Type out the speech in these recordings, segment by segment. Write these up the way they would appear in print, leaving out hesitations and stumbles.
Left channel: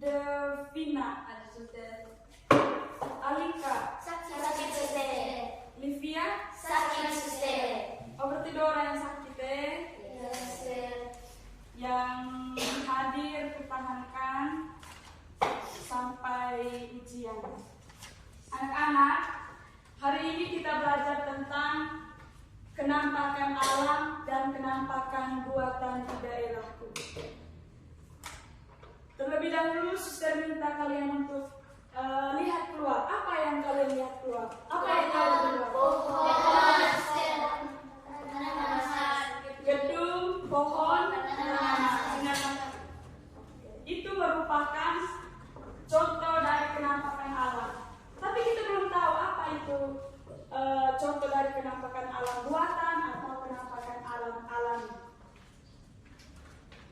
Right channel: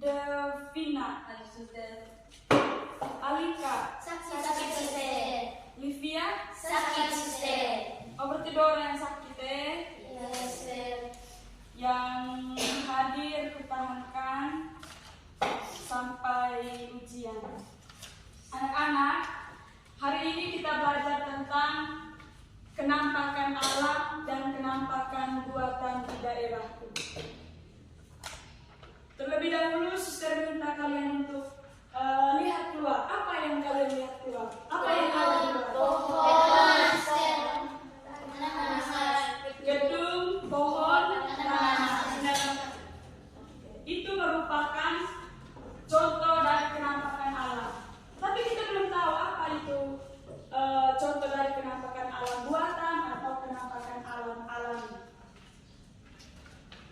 Devina, Alika, Sakit suster. Livia, Sakit suster. oh berarti dua orang yang sakit Iya suster. yang hadir pertahankan sampai ujian. Anak-anak, hari ini kita belajar tentang kenampakan alam dan kenampakan buatan di daerahku. Terlebih dahulu, suster minta kalian untuk lihat keluar. Apa yang kalian lihat keluar? Apa yang kalian lihat keluar? Gedung, pohon, itu merupakan contoh dari kenampakan alam. Tapi kita belum tahu apa itu contoh dari kenampakan alam buatan atau kenampakan alam alami.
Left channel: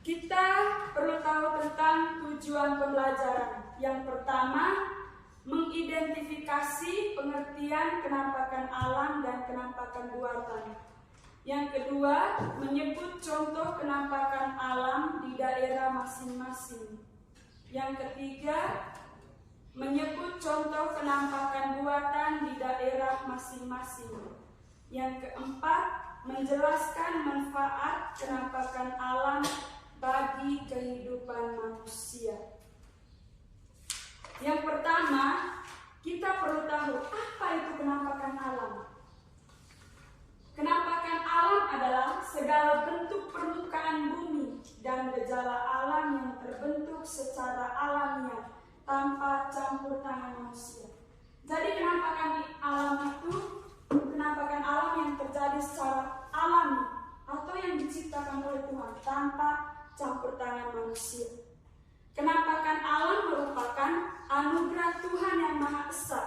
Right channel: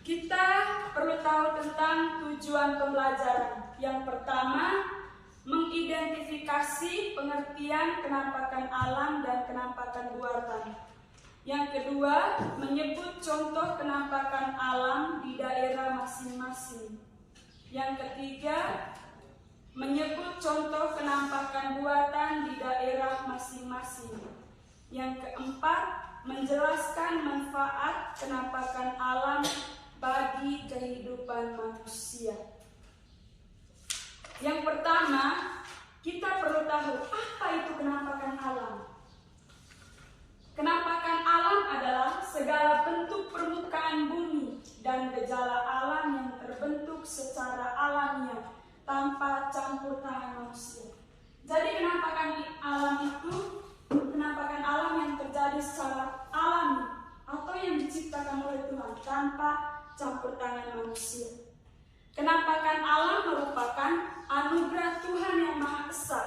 Kita perlu tahu tentang tujuan pembelajaran. Yang pertama, mengidentifikasi pengertian kenampakan alam dan kenampakan buatan. Yang kedua, menyebut contoh kenampakan alam di daerah masing-masing. Yang ketiga, menyebut contoh kenampakan buatan di daerah masing-masing. Yang keempat, menjelaskan manfaat kenampakan alam bagi kehidupan manusia. Yang pertama, kita perlu tahu apa itu kenampakan alam. Kenampakan alam adalah segala bentuk permukaan bumi dan gejala alam yang terbentuk secara alamiah tanpa campur tangan manusia. Jadi kenampakan alam itu kenampakan alam yang terjadi secara alami atau yang diciptakan oleh Tuhan tanpa campur tangan manusia. Kenampakan alam merupakan anugerah Tuhan yang Maha Esa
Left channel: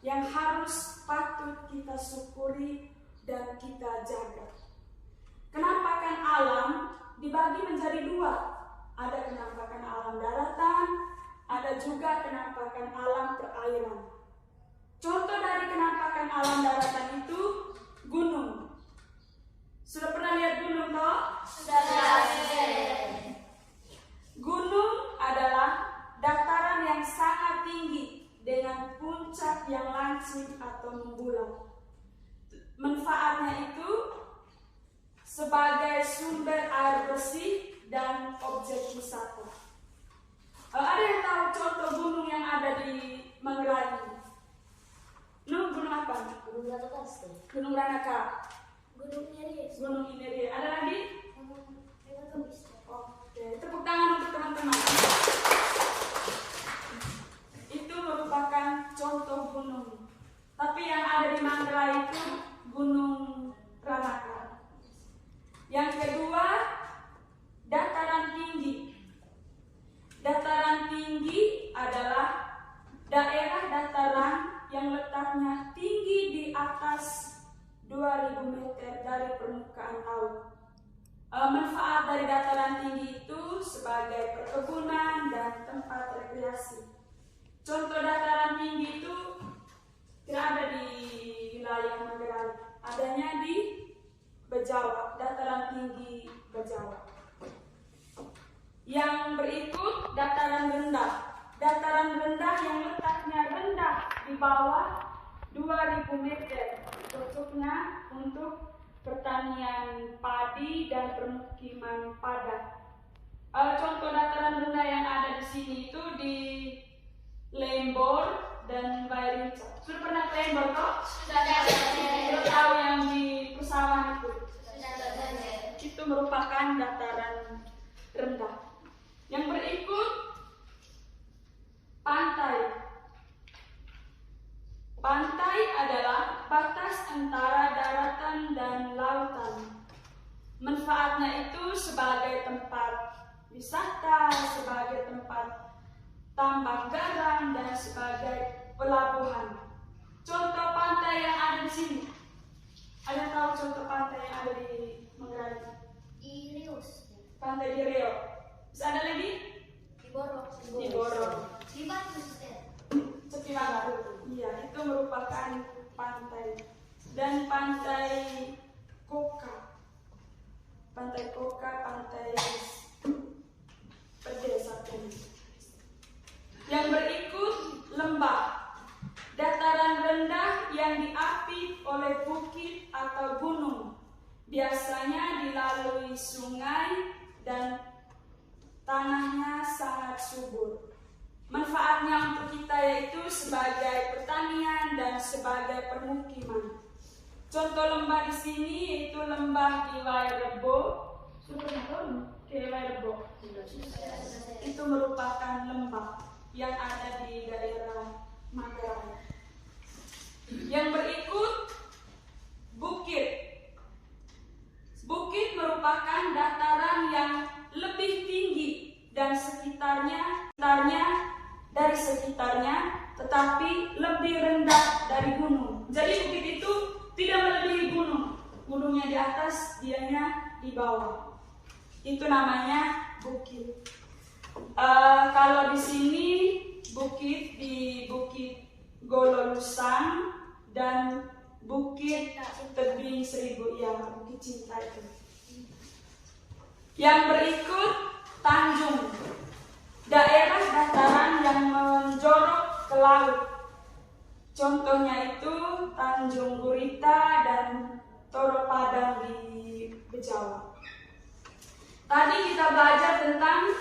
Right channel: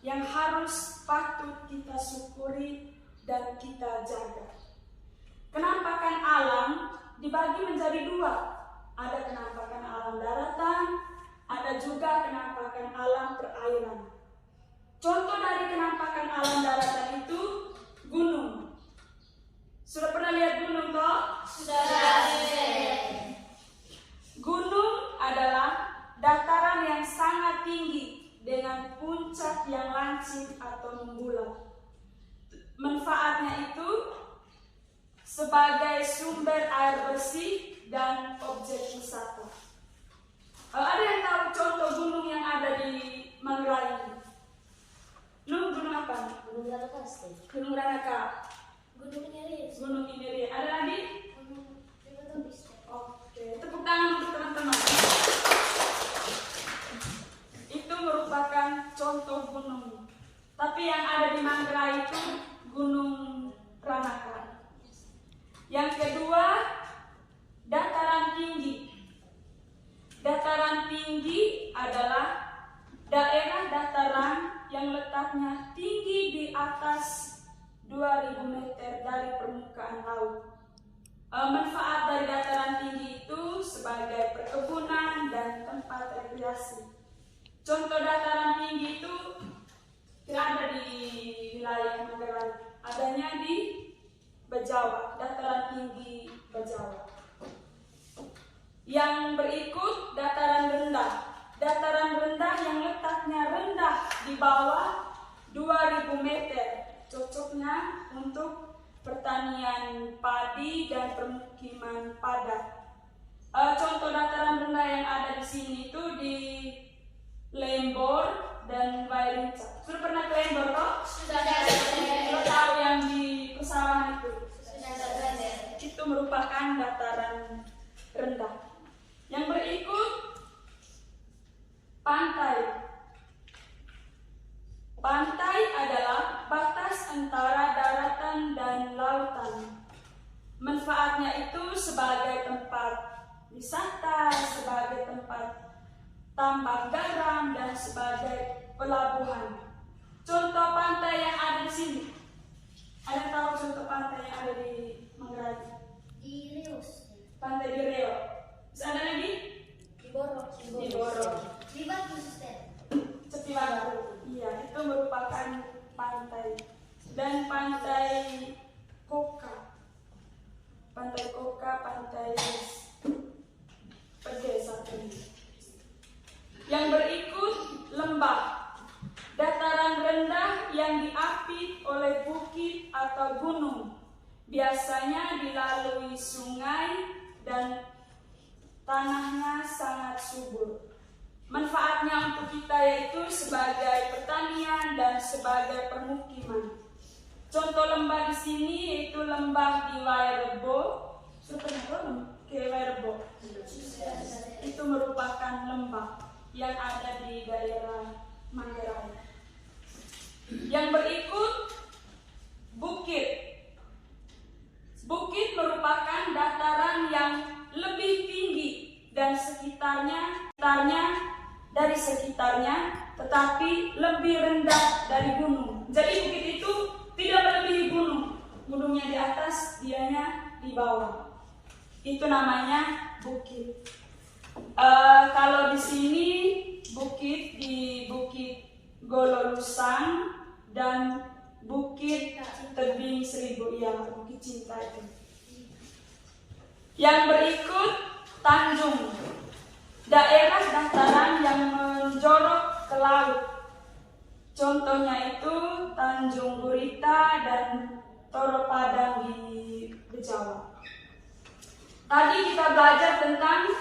yang harus patut kita syukuri dan kita jaga. Kenampakan alam dibagi menjadi dua. Ada kenampakan alam daratan, ada juga kenampakan alam perairan. Contoh dari kenampakan alam daratan itu gunung. Sudah pernah lihat gunung toh? Sudah. Gunung adalah dataran yang sangat tinggi dengan puncak yang lancip atau membulat. Manfaatnya itu sebagai sumber air bersih dan objek wisata. Ada yang tahu contoh gunung yang ada di Manggarai ini? Gunung apa? Gunung Ranaka. Gunung Ranaka. Gunung Ineris. Gunung Ineris. Ada lagi? Oke, tepuk tangan untuk teman-teman. Itu merupakan contoh gunung. Tapi yang ada di Manggarai itu Gunung Ranaka. Yang kedua, dataran tinggi. dataran tinggi itu sebagai perkebunan dan tempat rekreasi. Contoh dataran tinggi itu tidak ada di wilayah Manggarai, adanya di Bejawa, dataran tinggi Bejawa. Yang berikut dataran rendah. Dataran rendah yang letaknya rendah di bawah 2000 meter, cocoknya untuk pertanian padi dan permukiman padat. Contoh dataran rendah yang ada di sini itu di Lembor dan Wairinca. Sudah pernah ke Lembor toh? Sudah. Tahu yang di pesawahan itu? Sudah. Itu merupakan dataran rendah. Yang berikut pantai. Pantai adalah batas antara daratan dan lautan. Manfaatnya itu sebagai tempat wisata, sebagai tempat tambak garam, dan sebagai pelabuhan. Contoh pantai yang ada di sini. Ada tahu contoh pantai yang ada di Manggarai? Di Rius. Pantai di Reo. Bisa ada lagi? Di Boro. Di Boro. Di Batu Sister. Sepi Baru. Iya, itu merupakan pantai. Dan pantai Koka. Pantai Koka, pantai Pedesaan. Yang berikut lembah. Dataran rendah yang diapit oleh bukit atau gunung. Biasanya dilalui sungai dan tanahnya sangat subur. Manfaatnya untuk kita yaitu sebagai pertanian dan sebagai permukiman. Contoh lembah di sini yaitu lembah di Wairebo. Sudah pernah ke Wairebo? Itu merupakan lembah yang ada di daerah Manggarai. Yang berikut bukit. Bukit merupakan dataran yang lebih tinggi dan sekitarnya tetapi lebih rendah dari gunung. Jadi bukit itu tidak melebihi gunung. Gunungnya di atas, dianya di bawah. Itu namanya bukit. Kalau di sini bukit di Bukit Gololusang dan Bukit Tebing Seribu, ya, Bukit Cinta itu. Yang berikut tanjung. Daerah dataran yang menjorok ke laut. Contohnya itu Tanjung Gurita dan Toro Padang di Bejawa. Tadi kita belajar tentang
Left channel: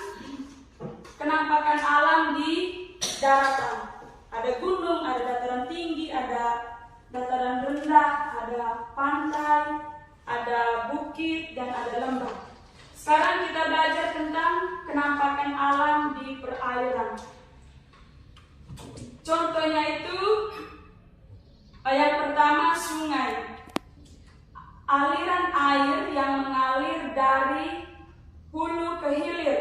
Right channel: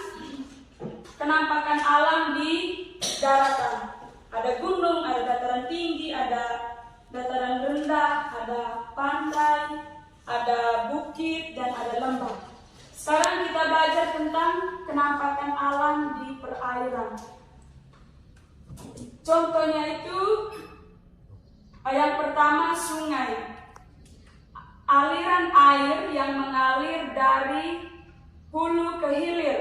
kenampakan alam di daratan. Ada gunung, ada dataran tinggi, ada dataran rendah, ada pantai, ada bukit, dan ada lembah. Sekarang kita belajar tentang kenampakan alam di perairan. Contohnya itu yang pertama sungai. Aliran air yang mengalir dari hulu ke hilir.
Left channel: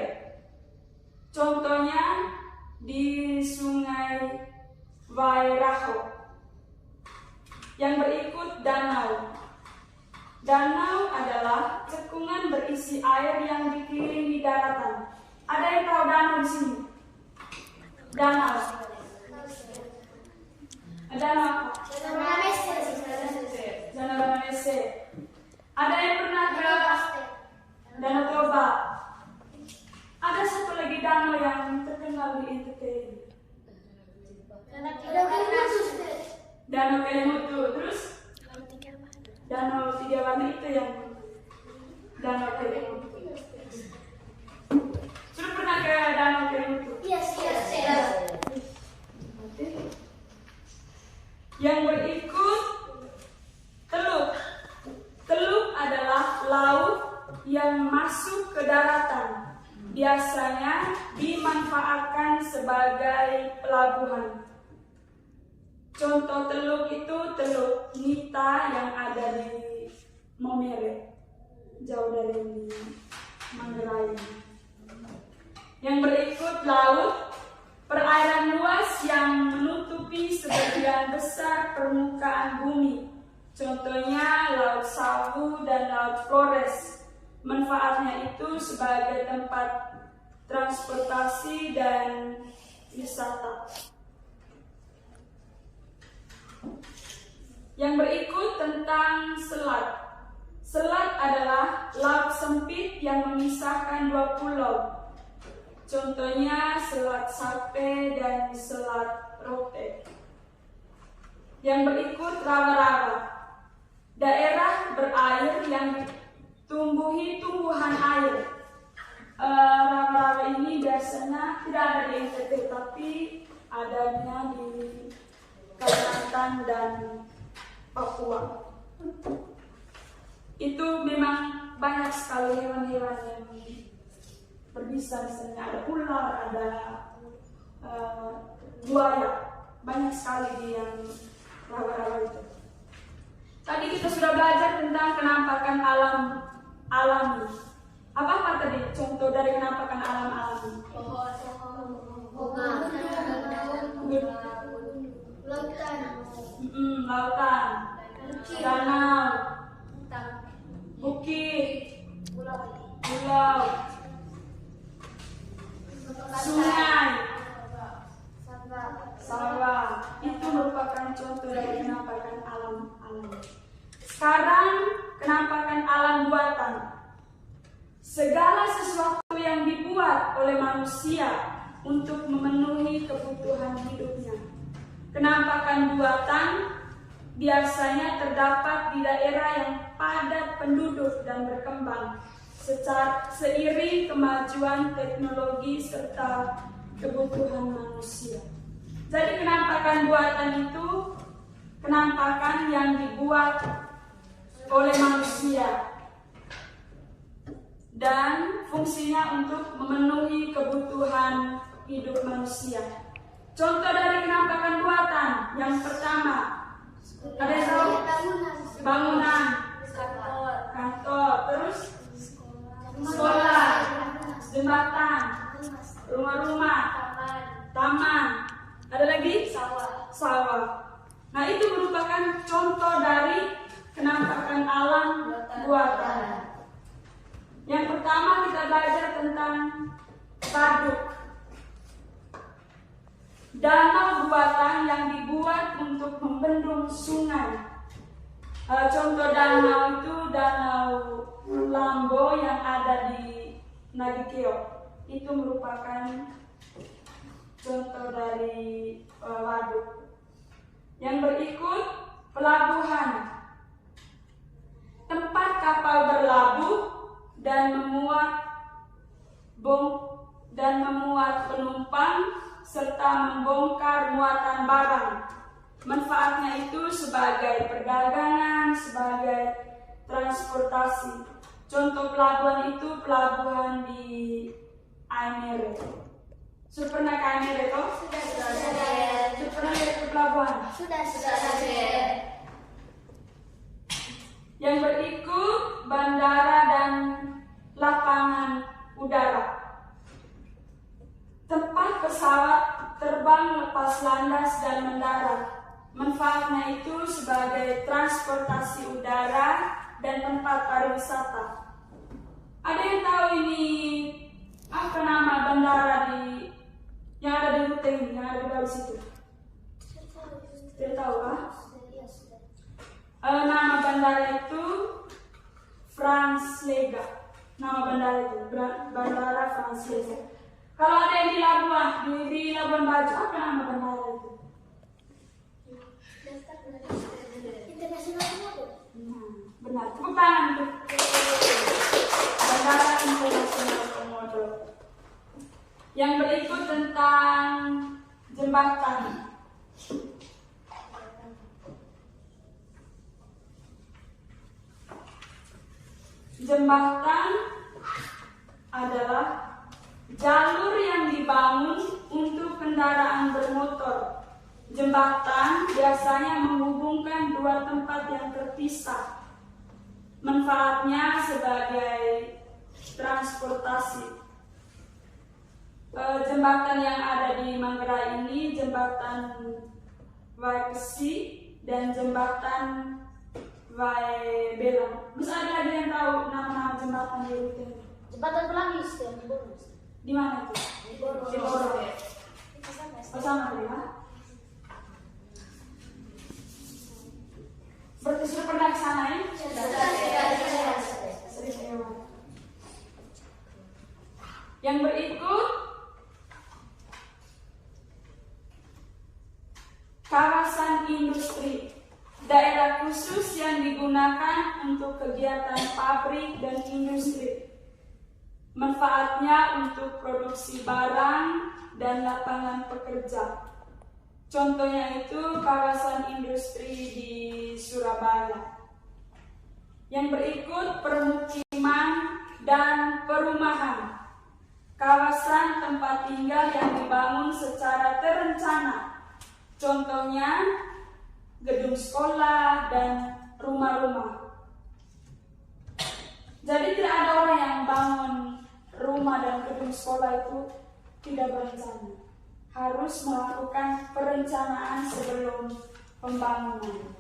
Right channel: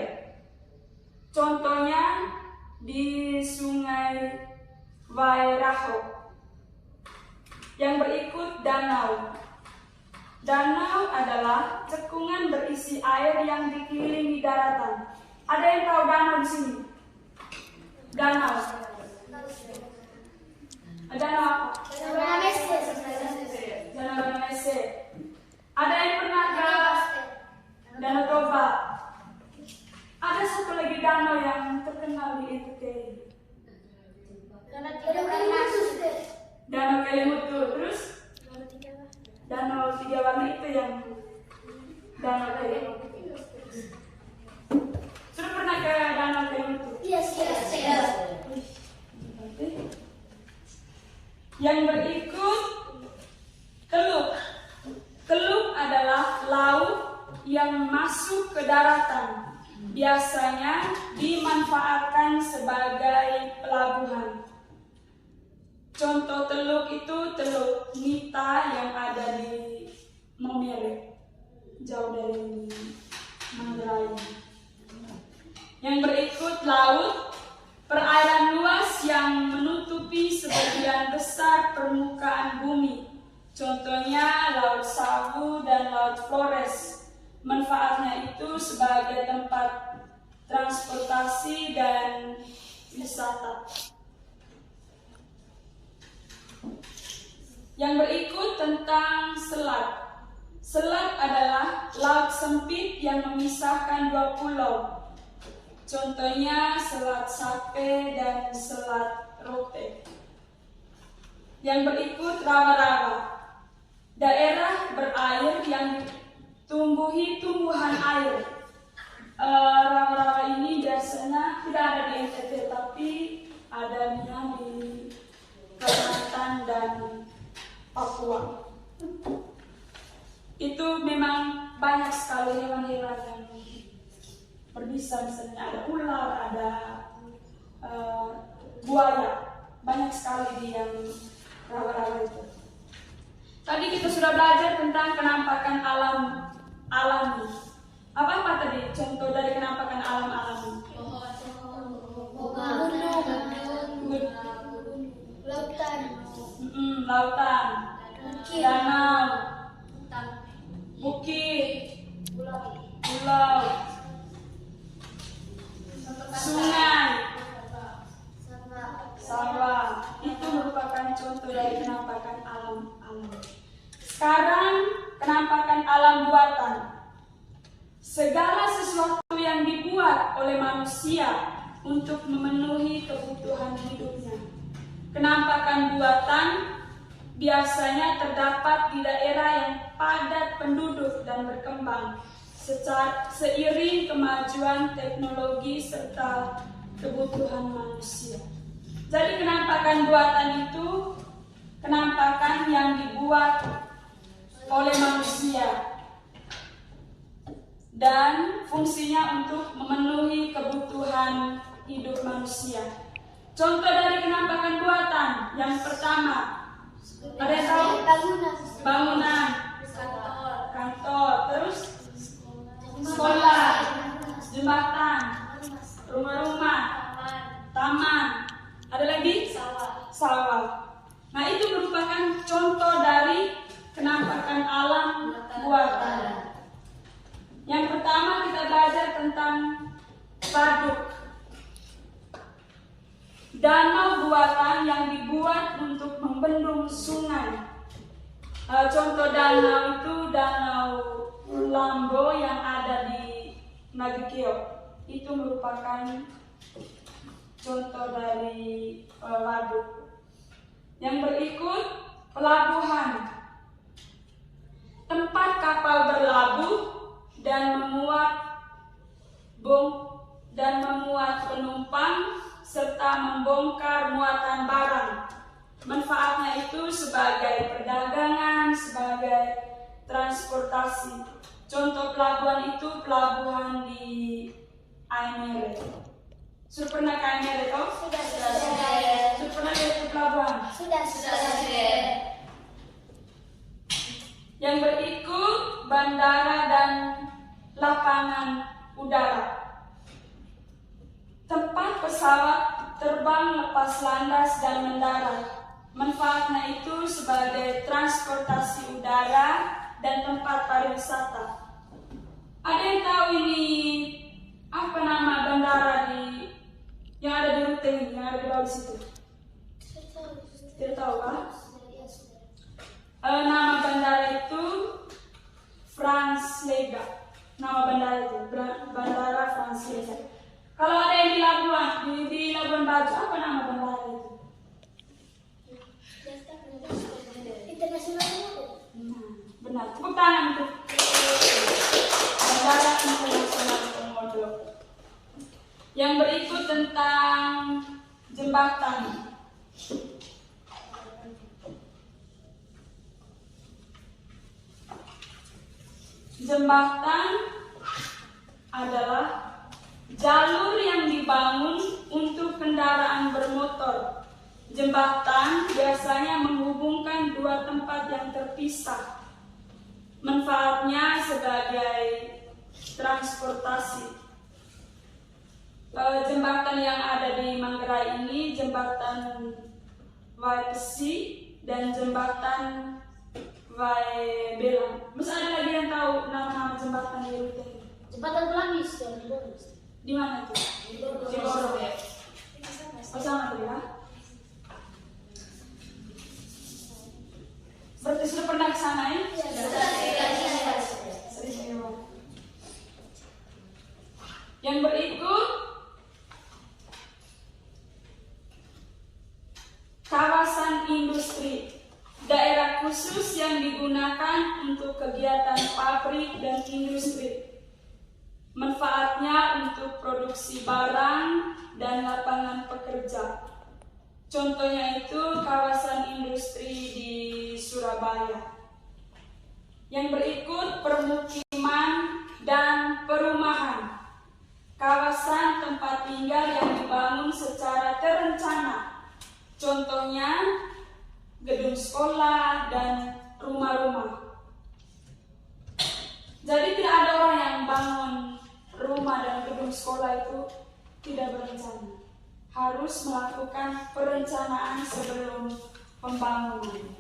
Contohnya di Sungai Wairaho. Yang berikut danau. Danau adalah cekungan berisi air yang dikelilingi daratan. Ada yang tahu danau di sini? Danau. Danau apa? Danau Banamese. Ada yang pernah ke Danau Toba? Ada satu lagi danau yang terkenal di NTT. Danau Kelimutu. Terus? Danau tiga warna itu yang Danau Kelimutu. Sudah pernah ke Danau Kelimutu? Yes. Yang berikut teluk. Teluk adalah laut yang masuk ke daratan. Biasanya dimanfaatkan sebagai pelabuhan. Contoh teluk itu Teluk Nita yang ada di Momere, jauh dari Manggarai. Yang berikut laut, perairan luas yang menutupi sebagian besar permukaan bumi. Contohnya Laut Sawu dan Laut Flores. Manfaatnya itu sebagai tempat transportasi dan wisata. Yang berikut tentang selat. Selat adalah laut sempit yang memisahkan dua pulau. Contohnya Selat Sape dan Selat Rote. Yang berikut rawa-rawa. Daerah berair yang ditumbuhi tumbuhan air. Rawa-rawa ini biasanya tidak ada di NTT, tapi adanya di Kalimantan dan Papua. Itu memang banyak sekali hewan-hewan yang berbisa, misalnya ada ular, ada buaya, banyak sekali di yang rawa-rawa itu. Tadi kita sudah belajar tentang penampakan alam alami. Apa tadi contoh dari penampakan alam alami? Lautan, danau, bukit, pulau, sungai, sawah. Itu merupakan contoh dari penampakan alam alami. Sekarang penampakan alam buatan. Segala sesuatu yang dibuat oleh manusia untuk memenuhi kebutuhan hidupnya. Penampakan buatan biasanya terdapat di daerah yang padat penduduk dan berkembang seiring kemajuan teknologi serta kebutuhan manusia. Jadi penampakan buatan itu penampakan yang dibuat oleh manusia dan fungsinya untuk memenuhi kebutuhan hidup manusia. Contoh dari penampakan buatan yang pertama, ada yang tahu? Bangunan, kantor, terus sekolah, jembatan, rumah-rumah, taman, ada lagi? Sawah. Nah, itu merupakan contoh dari penampakan alam buatan. Yang pertama kita belajar tentang waduk. Danau buatan yang dibuat untuk membendung sungai. Contoh danau itu Danau Lambo yang ada di Nagikeo. Itu merupakan contoh dari waduk. Yang berikut pelabuhan. Tempat kapal berlabuh dan memuat penumpang serta membongkar muatan barang. Manfaatnya itu sebagai perdagangan, sebagai transportasi. Contoh pelabuhan itu pelabuhan di Aimere. Sudah pernah ke Aimere toh? Sudah. Sudah pernah lihat ke pelabuhan? Sudah. Yang berikut bandara dan lapangan udara. Tempat pesawat terbang lepas landas dan mendarat. Manfaatnya itu sebagai transportasi udara dan tempat pariwisata. Ada yang tahu ini apa nama bandara yang ada di Ruteng, yang ada di bawah situ? Tidak tahu kan? Nama bandara itu Franz Lega. Nama bandara itu Bandara Franz Lega. Kalau ada yang di Labuan Bajo, apa nama bandara itu? Internasional. Benar. Tepuk tangan untuk Bandara Internasional Komodo. Yang berikut tentang jembatan. Jembatan adalah jalur yang dibangun untuk kendaraan bermotor. Jembatan biasanya menghubungkan dua tempat yang terpisah. Manfaatnya sebagai transportasi. Jembatan yang ada di Manggarai ini jembatan Waikesi dan jembatan Vai Belang. Masih ada lagi yang tahu nama-nama jembatan di Rute? Jembatan Pelangi, Sister. Di Boro. Di mana itu? Di Boro. Di Boro. Di Bersama tuh ya. Berarti sudah pernah ke sana ya? Sering lewat. Yang berikut kawasan industri, daerah khusus yang digunakan untuk kegiatan pabrik dan industri. Manfaatnya untuk produksi barang dan lapangan pekerja. Contohnya itu kawasan industri di Surabaya. Yang berikut permukiman dan perumahan. Kawasan tempat tinggal yang dibangun secara terencana. Contohnya gedung sekolah dan rumah-rumah. Jadi tidak ada orang yang bangun rumah dan gedung sekolah itu tidak berencana. Harus melakukan perencanaan sebelum pembangunan.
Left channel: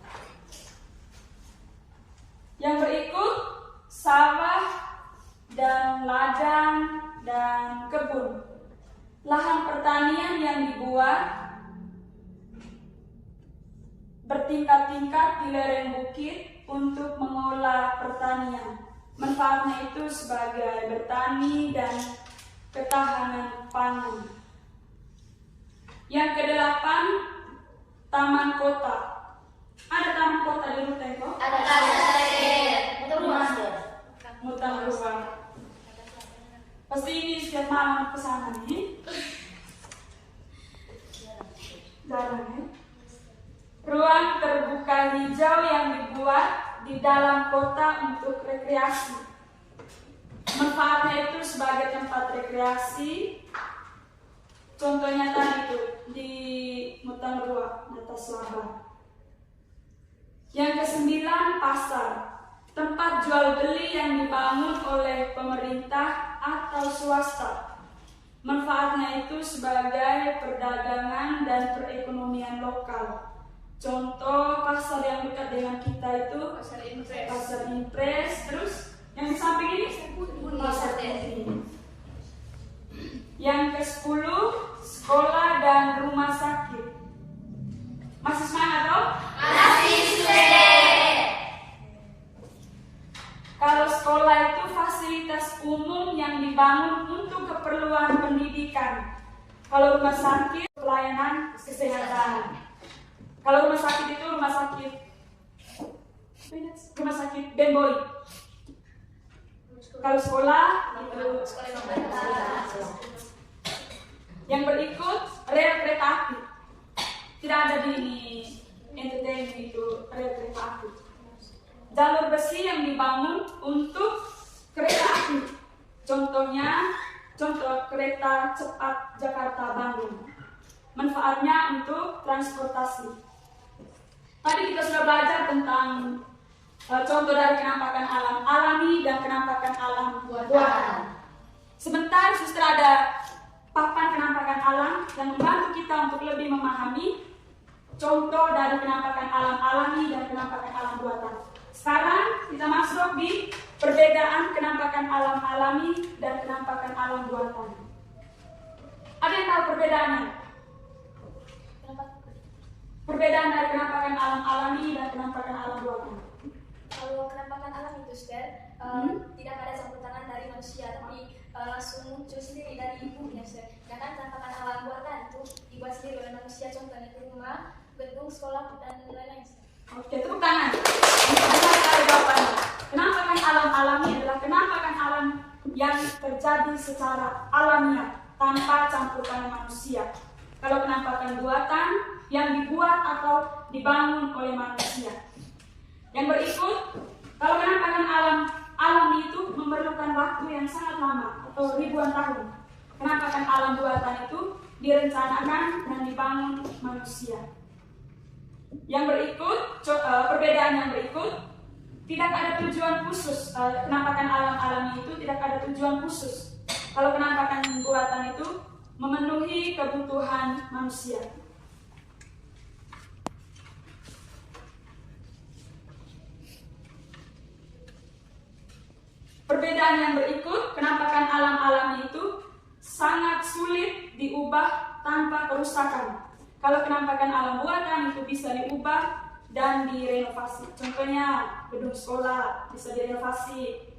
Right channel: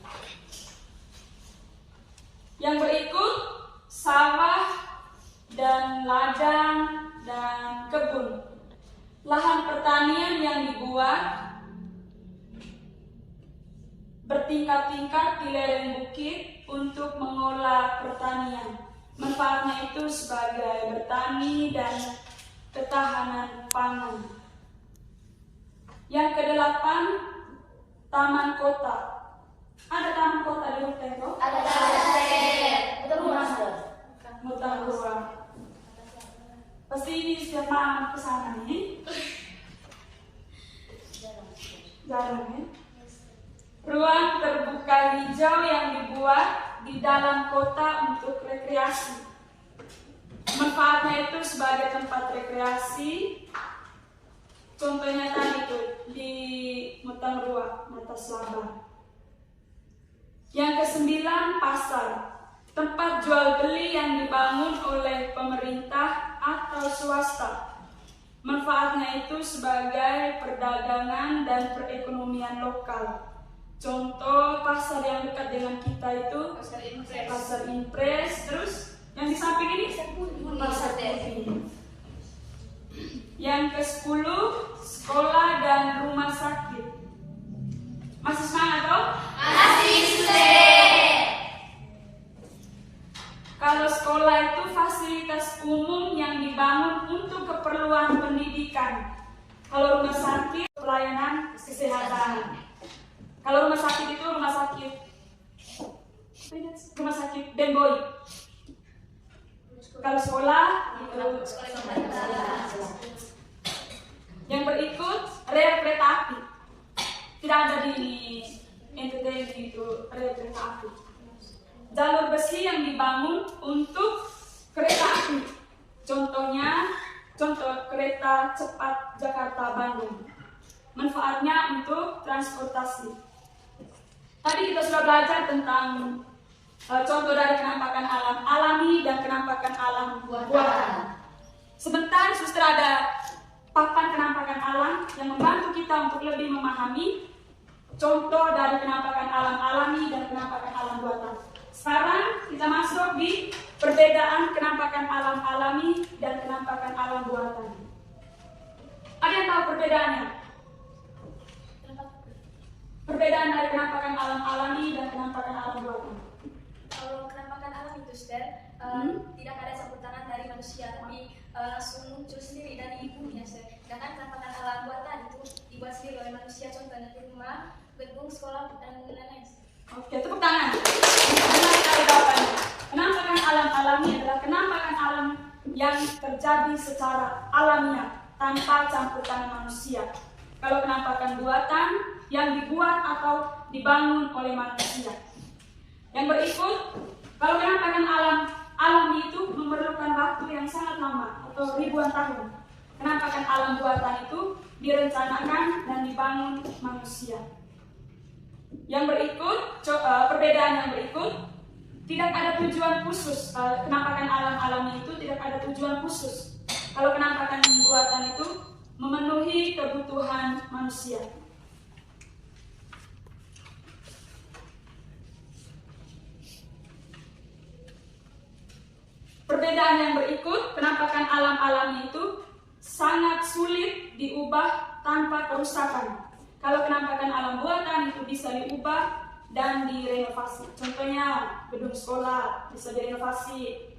Yang berikut sawah dan ladang dan kebun. Lahan pertanian yang dibuat bertingkat-tingkat di lereng bukit untuk mengolah pertanian. Manfaatnya itu sebagai bertani dan ketahanan pangan. Yang kedelapan, taman kota. Ada taman kota di Rute kok? Ada. Mutan ruang. Pasti ini setiap malam ke sana nih. Jarang ya. Ruang terbuka hijau yang dibuat di dalam kota untuk rekreasi. Manfaatnya itu sebagai tempat rekreasi. Contohnya tadi itu di Mutan Rua, Mata Selaba. Yang kesembilan, pasar. Tempat jual beli yang dibangun oleh pemerintah atau swasta. Manfaatnya itu sebagai perdagangan dan perekonomian lokal. Contoh pasar yang dekat dengan kita itu Pasar Impres, terus yang di samping ini Pasar Putih. Yang ke-10, sekolah dan rumah sakit. Masih semangat toh? Kalau sekolah itu fasilitas umum yang dibangun untuk keperluan pendidikan. Kalau rumah sakit, pelayanan kesehatan. Kalau rumah sakit itu rumah sakit Denboy. Kalau sekolah itu yang berikut rel kereta api. Tidak ada di NTT itu rel kereta api. Jalur besi yang dibangun untuk kereta api. Contoh kereta cepat Jakarta-Bandung. Manfaatnya untuk transportasi. Tadi kita sudah belajar tentang contoh dari kenampakan alam alami dan kenampakan alam buatan. Sebentar, suster ada papan kenampakan alam yang membantu kita untuk lebih memahami contoh dari kenampakan alam alami dan kenampakan alam buatan. Sekarang kita masuk di perbedaan kenampakan alam alami dan kenampakan alam buatan. Ada yang tahu perbedaannya? Perbedaan dari kenampakan alam alami dan kenampakan alam buatan. Kalau kenampakan alam itu, Sister, tidak ada campur tangan dari manusia, tapi langsung muncul sendiri dari ibunya, Sister. Sedangkan kenampakan alam buatan itu dibuat sendiri oleh manusia, contohnya di rumah, gedung, sekolah, dan lain-lain. Oke, tepuk tangan. Benar sekali jawabannya. Kenampakan alam alami adalah kenampakan alam yang terjadi secara alamiah tanpa campur tangan manusia. Kalau kenampakan buatan yang dibuat atau dibangun oleh manusia. Yang berikut, kalau kenampakan alam alami itu memerlukan waktu yang sangat lama atau ribuan tahun. Kenampakan alam buatan itu direncanakan dan dibangun manusia. Yang berikut, perbedaan yang berikut, tidak ada tujuan khusus. Kenampakan alam alami itu tidak ada tujuan khusus. Kalau kenampakan buatan itu memenuhi kebutuhan manusia. Perbedaan yang berikut, penampakan alam alami itu sangat sulit diubah tanpa kerusakan. Kalau penampakan alam buatan itu bisa diubah dan direnovasi. Contohnya gedung sekolah bisa direnovasi,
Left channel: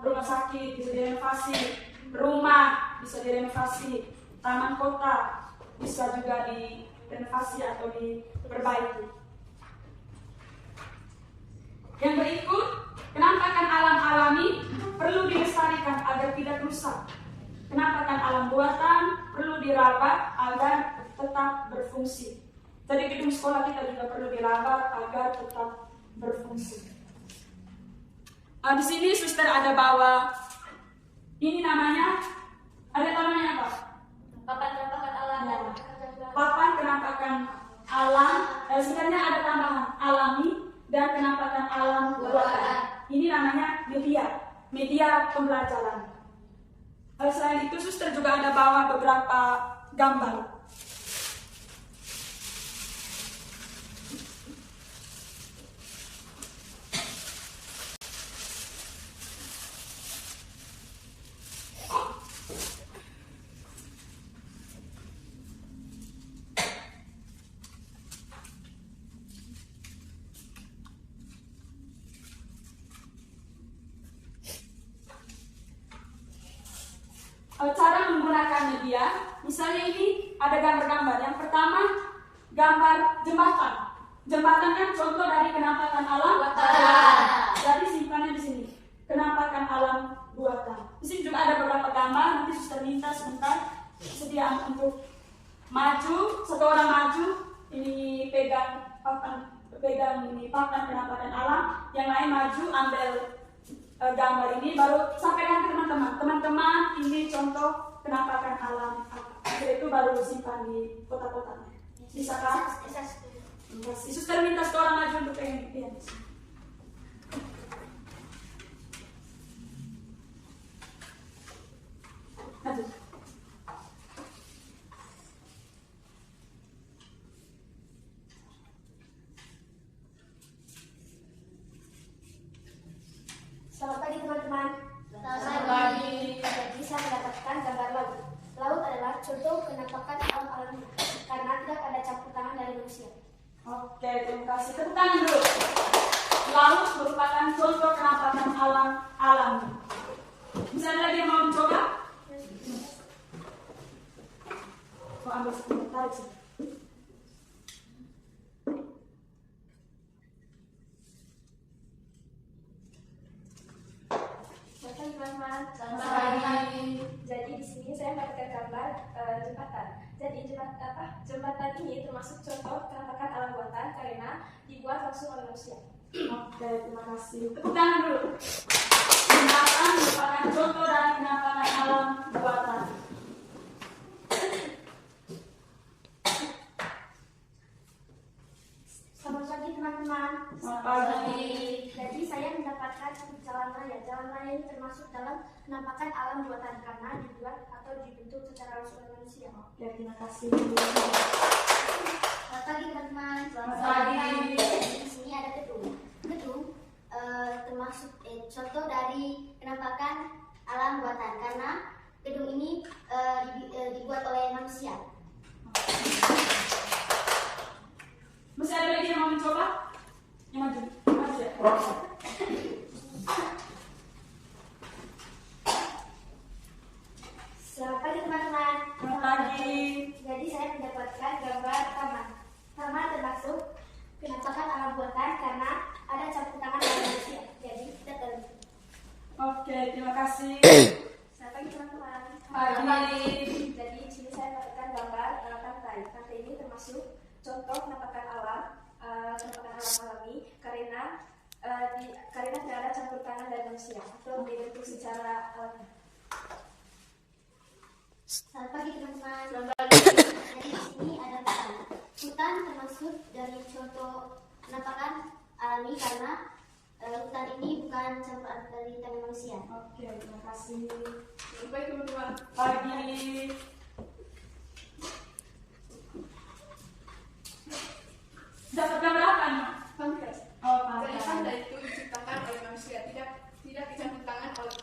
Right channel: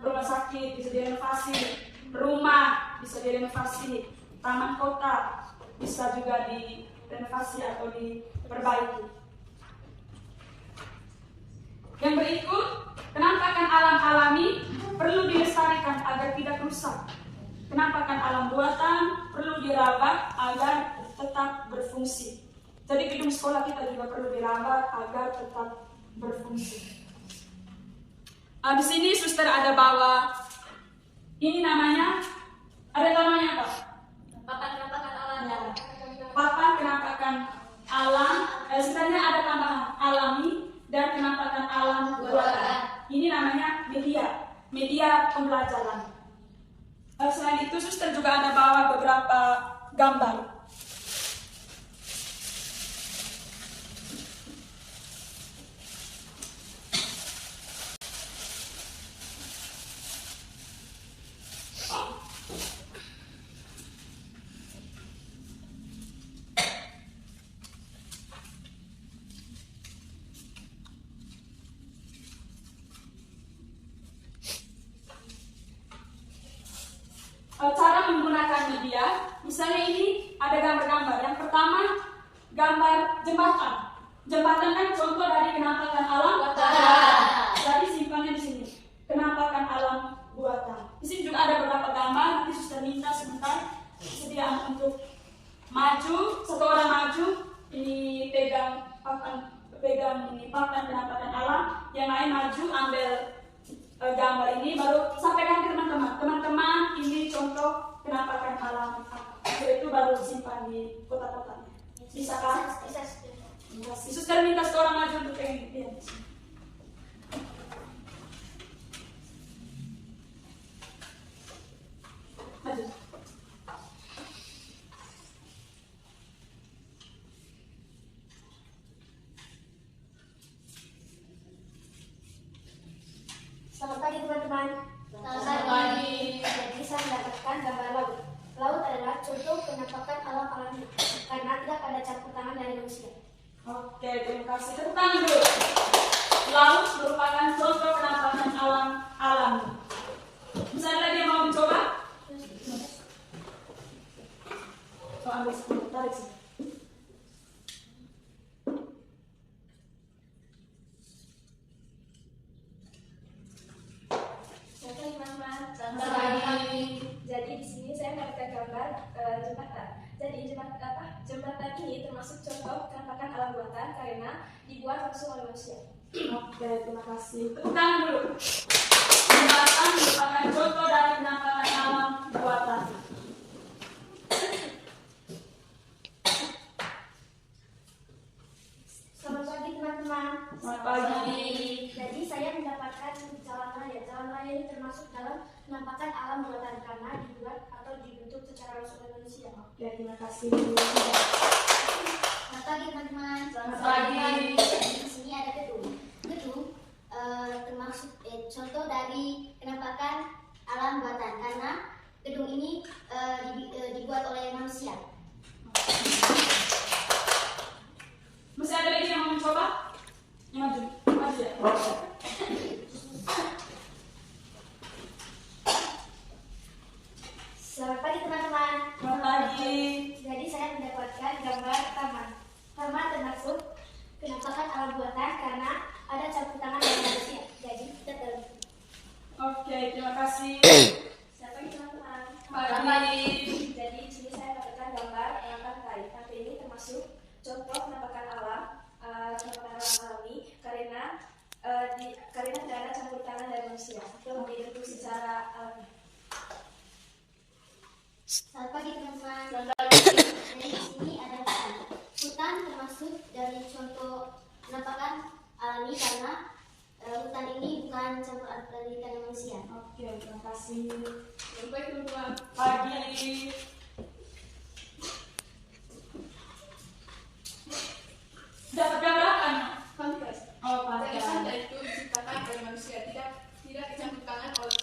rumah sakit bisa direnovasi, rumah bisa direnovasi, taman kota bisa juga direnovasi atau diperbaiki. Yang berikut, penampakan alam alami perlu dilestarikan agar tidak rusak. Penampakan alam buatan perlu dirawat agar tetap berfungsi. Jadi gedung sekolah kita juga perlu dirawat agar tetap berfungsi. Di sini suster ada bawa, ini namanya, ada namanya apa? Papan penampakan alam. Ya. Papan penampakan alam, sebenarnya ada tambahan alami dan penampakan alam buatan. Ini namanya media pembelajaran. Selain itu, suster juga ada bawa beberapa gambar. Cara menggunakan media, misalnya ini ada gambar-gambar. Yang pertama, gambar jembatan. Jembatan kan contoh dari penampakan alam buatan. Jadi simpannya di sini. Penampakan alam buatan. Di sini juga ada beberapa gambar. Nanti suster minta sebentar sediaan untuk maju. Satu orang maju, ini pegang ini papan penampakan alam. Yang lain maju ambil gambar ini, baru sampaikan ke teman-teman. Teman-teman, ini contoh penampakan alam. Itu baru disimpan di kota-kotanya. Bisa kan? Bisa. Suster minta seorang maju untuk lihat. Maju. Selamat pagi teman-teman. Selamat pagi. Jadi saya mendapatkan gambar laut. Laut adalah contoh penampakan alam alami karena tidak ada campur tangan dari manusia. Oke, terima kasih. Tepuk tangan dulu. Laut merupakan contoh penampakan alam alami. Bisa ada lagi yang mau mencoba? Ambil sepuluh, tarik sini. Selamat pagi. Jadi di sini saya mendapatkan gambar jembatan. Jadi jembatan ini termasuk contoh penampakan alam buatan karena dibuat langsung oleh manusia. Oke, terima kasih. Tepuk tangan dulu. Jembatan merupakan contoh dari penampakan alam buatan. Selamat pagi teman-teman. Selamat pagi. Jadi saya mendapatkan jalan raya. Jalan raya ini termasuk dalam penampakan alam buatan karena dibuat atau dibentuk secara langsung oleh manusia. Oke, terima kasih. Selamat pagi teman-teman. Selamat pagi. Di sini ada gedung. Gedung termasuk contoh dari penampakan alam buatan karena gedung ini dibuat oleh manusia. Masih ada lagi yang mau mencoba? Yang maju. Maju ya. Selamat pagi teman-teman. Selamat pagi. Jadi saya mendapatkan gambar taman. Taman termasuk penampakan alam buatan karena ada campur tangan dari manusia. Jadi kita terlibat. Oke, terima kasih. Selamat pagi teman-teman. Pagi. Jadi di sini saya mendapatkan gambar pantai. Pantai ini termasuk contoh penampakan alam alami karena tidak ada campur tangan dari manusia atau dibentuk secara alami. Selamat pagi teman-teman. Selamat pagi. Jadi di sini ada hutan. Hutan termasuk dari contoh penampakan alami karena hutan ini bukan campur dari tangan manusia. Oke, terima kasih. Baik teman-teman. Pagi. Dapat gambar apa? Pantai. Oh, Jadi pantai. pantai itu diciptakan oleh manusia, tidak dicampur tangan oleh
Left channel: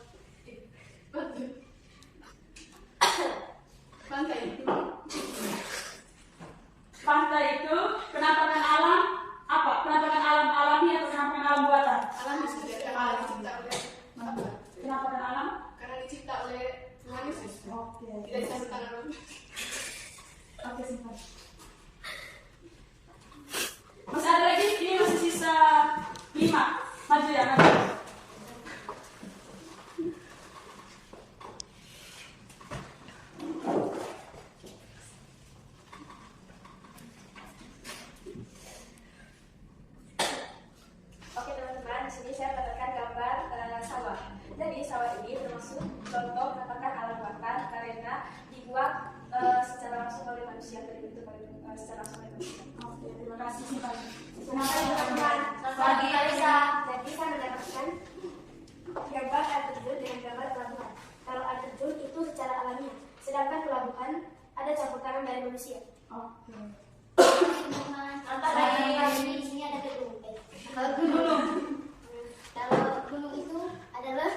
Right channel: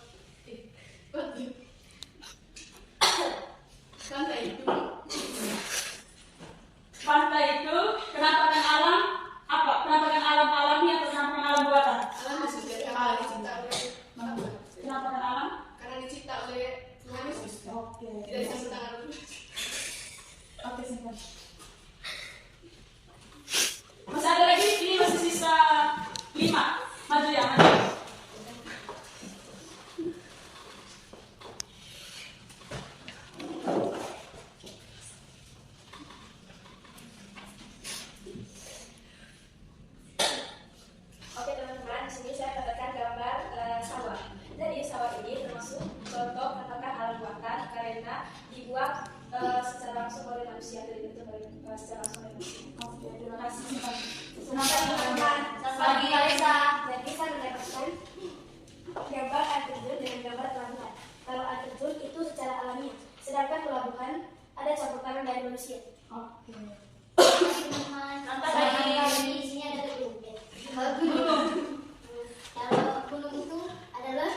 karena dibuat secara langsung oleh manusia, terbentuk oleh secara langsung oleh manusia. Oke, terima kasih Pak. Kenapa teman-teman? Lagi Kalesa. Jadi saya mendapatkan Gambar air terjun dengan gambar pelabuhan. Kalau air terjun itu secara alamiah, sedangkan pelabuhan ada campur tangan dari manusia. Oke. teman-teman. Lagi di sini ada gedung. Kalau gunung. Kalau gunung itu adalah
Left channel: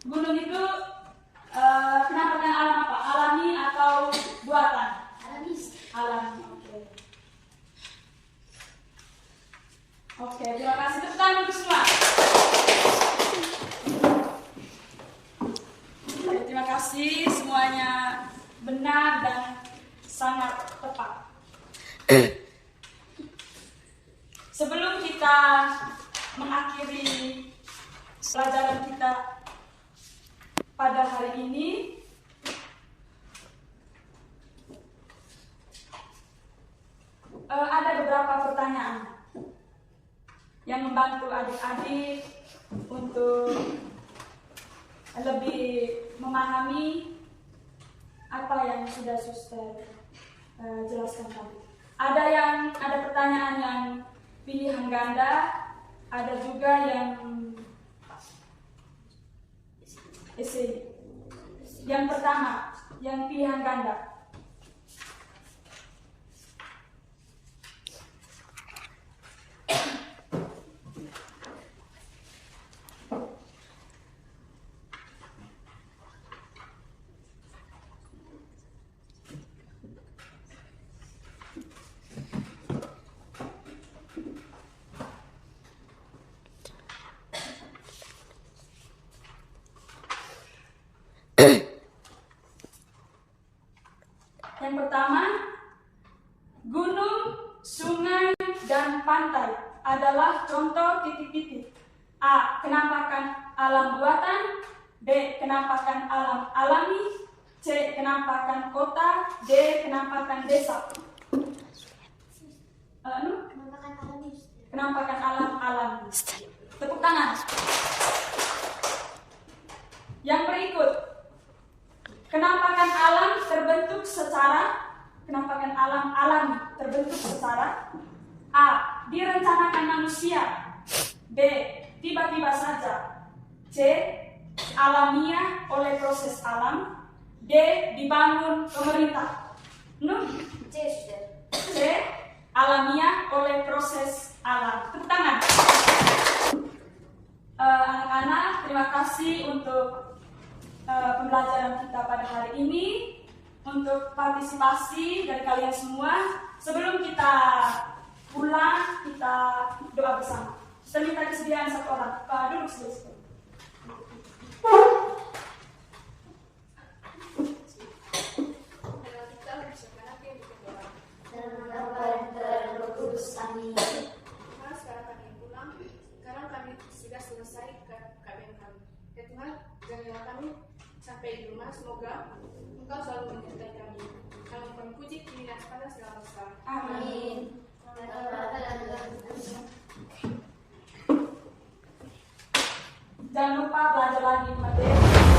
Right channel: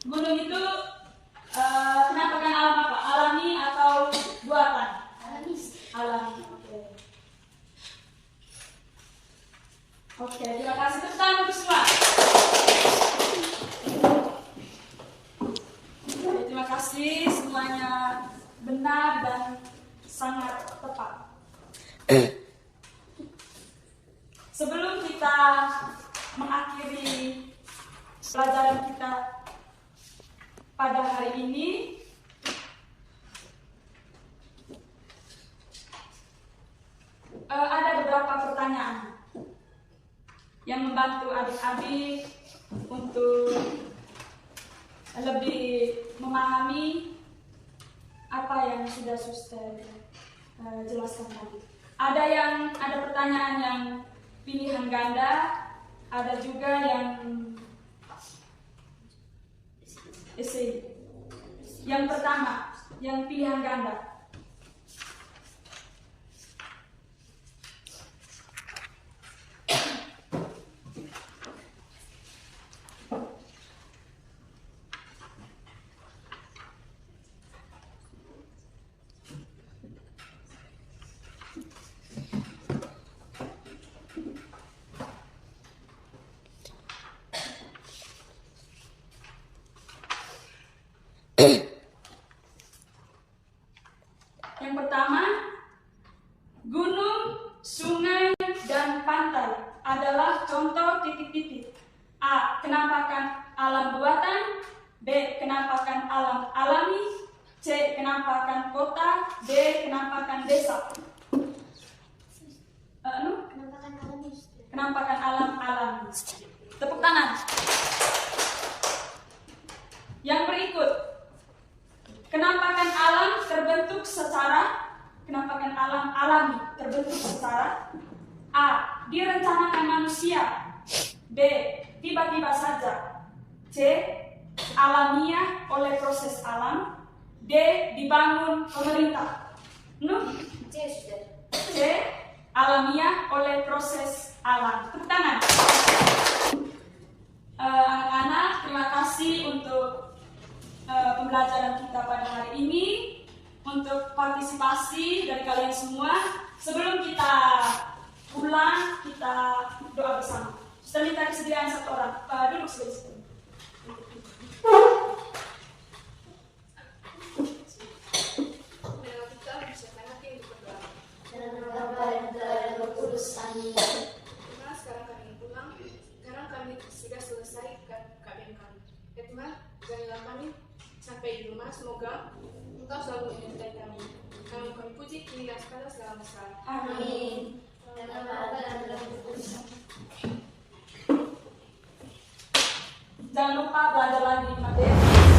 Gunung itu penampakan alam apa? Alami atau buatan? alamis. Alami. Oke. Oke, terima kasih. Tepuk tangan untuk semua. Oke, terima kasih semuanya benar dan sangat tepat. Sebelum kita mengakhiri pelajaran kita pada hari ini, ada beberapa pertanyaan yang membantu adik-adik untuk lebih memahami apa yang sudah suster jelaskan tadi. Ada pertanyaan yang pilihan ganda, ada juga yang esai. Yang pertama, yang pilihan ganda. Yang pertama, gunung, sungai, dan pantai adalah contoh titik-titik. A. Kenampakan alam buatan. B. Kenampakan alam alami. C. Kenampakan kota. D. Kenampakan desa. Penampakan alamis. Kenampakan alam alami. Tepuk tangan. Yang berikut, kenampakan alam terbentuk secara kenampakan alam alami terbentuk secara A. Direncanakan manusia. B. Tiba-tiba saja. C. Alamiah oleh proses alam. D. Dibangun pemerintah. C sudah. C. Alamiah oleh proses alam. Tepuk tangan. Anak-anak, terima kasih untuk pembelajaran kita pada hari ini, untuk partisipasi dari kalian semua. Sebelum kita pulang, kita doa bersama. Setelah kita kesediaan satu orang, duduk sebentar. Dalam nama dan dalam Roh Kudus. Amin. Tuhan, sekarang kami pulang. Sekarang kami sudah selesai KBM kami. Ya Tuhan, jadilah kami sampai di rumah. Semoga Engkau selalu menyertai kami. Kami puji kini dan pada segala masa. Amin. Dalam nama dan dalam Roh Kudus. Jangan lupa belajar lagi, Made.